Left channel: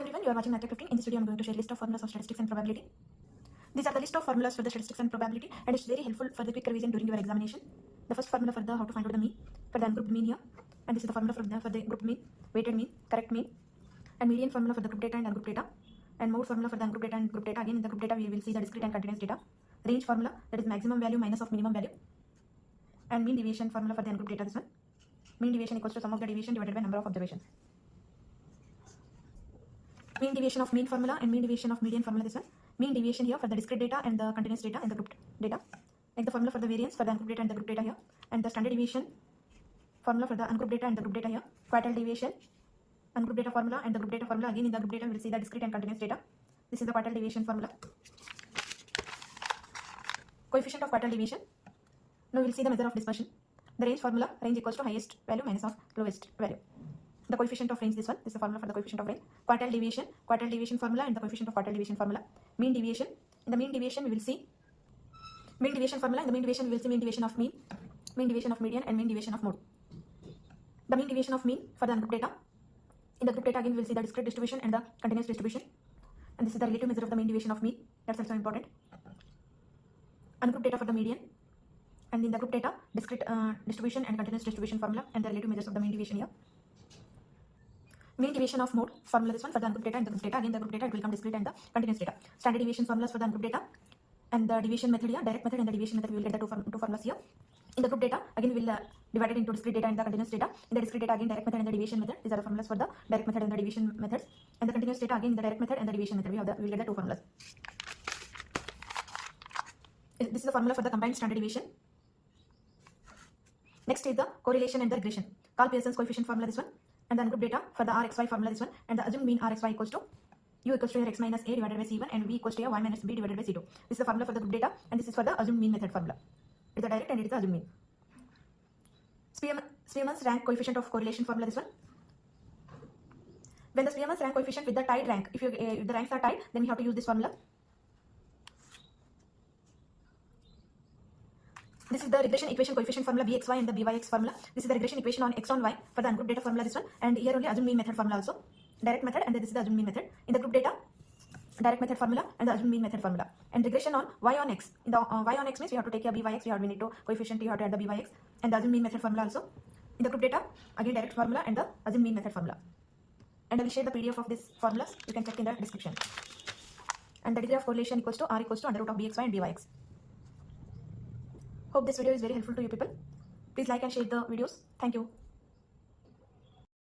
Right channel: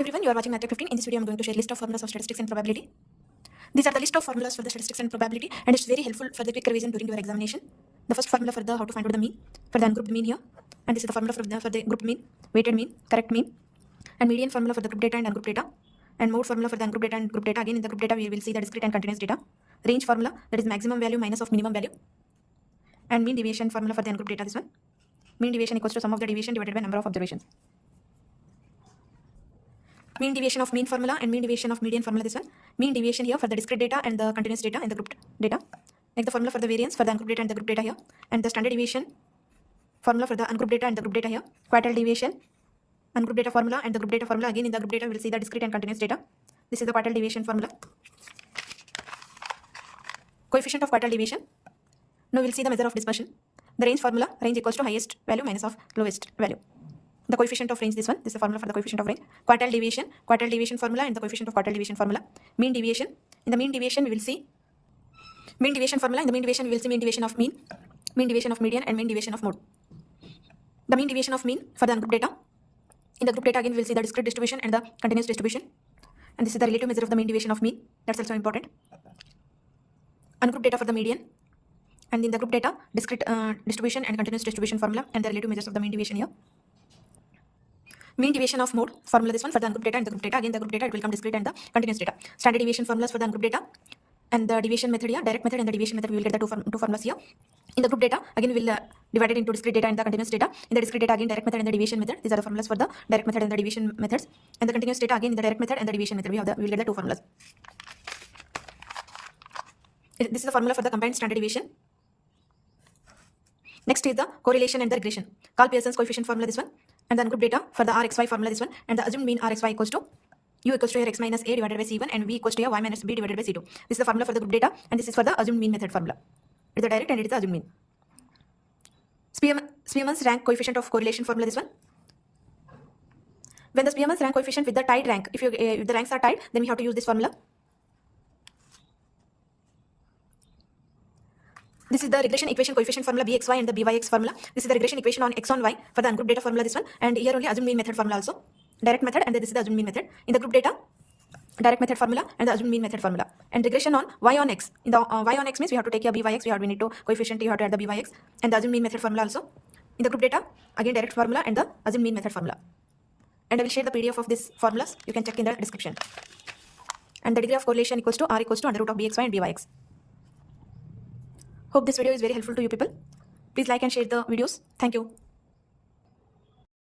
Everyone, you are watching Math 15. In this video, I'm going to share a list of formulas of statistics and probability. These are the list of formulas for the statistics and probability, and it's very helpful for the quick revision during your examination. The first formula for the how to find out the mean, for the ungrouped mean here, and this is the formula for the grouped mean, weighted mean, correct mean, and median formula for the group data and ungrouped data, and mode formula for the ungrouped data and group data. Again, in the group data, we will see the discrete and continuous data. Range formula, that is maximum value minus of minimum value, and mean deviation formula for the ungrouped data. This one, mean deviation equals to sum of the deviation divided by number of observations. Mean deviation of mean formula and mean deviation of median formula. This one, mean deviation here for the discrete data and the continuous data in the grouped data. Like the formula for the variance for the ungrouped data and the group data here, and the standard deviation formula for the ungrouped data and the group data here. Quartile deviation, ungrouped data formula and the group data formula. Again, in the group data, we will see the discrete and continuous data. This is the quartile deviation formula. Coefficient of quartile deviation. Now we will see the measure of dispersion. The range formula, range equals to highest value minus of lowest value. The coefficient of range, this one, this is the formula for the coefficient of range. Quartile deviation formula and the coefficient of quartile deviation formula. Mean deviation, in the mean deviation we will see mean deviation formula. In the mean deviation we will see mean deviation of mean deviation of median, and mean deviation of mode. The mean deviation of mean for the ungrouped data. In the group data, again we will see the discrete distribution and the continuous distribution, and this is the relative measure of the mean deviation of mean. That's also important. Ungrouped data for the median, and in the group data, discrete distribution and continuous distribution formula, and the relative measures of the mean deviation here. Mean deviation of mode formula, this one, for the ungrouped data and the group data. Again, the group data, it will come discrete and the continuous data. Standard deviation formulas for the ungrouped data, and the deviation method here, direct method and the deviation method, we will get the two formulas here. In the group data, again we will divide it into discrete data and the continuous data. In the discrete data, again direct method and the deviation method. These are the formulas for the direct method and the deviation methods. And the continuous data, again in the direct method and the deviation method, we will get the two formulas. This is the formula for the combined standard deviation. Next is the correlation and the regression. Carl Pearson's coefficient formula, this one, and the ungrouped data for the RXY formula, this one, and the assumed mean RXY equals to U equals to x minus a divided by c1, and v equals to y minus b divided by c2. This is the formula for the group data, and this is for the assumed mean method formula. It is the direct and it is the assumed mean. Spearman's rank coefficient of correlation formula, this one. When the Spearman's rank coefficient with the tied rank, if the ranks are tied, then we have to use this formula. This is the regression equation coefficient formula bxy and the byx formula. This is the regression equation on x on y for the ungrouped data formula, this one, and here only assumed mean method formula also. Direct method, and this is the assumed mean method. In the group data, direct method formula and the assumed mean method formula. And regression on y on x. In the y on x means we have to take a byx, we need to coefficient, you have to add the byx, and the assumed mean method formula also. In the group data, again direct formula and the assumed mean method formula. And I will share the PDF of these formulas. You can check in the description. And the degree of correlation equals to r equals to under root of bxy and byx. Hope this video is very helpful to you people. Please like and share the videos. Thank you.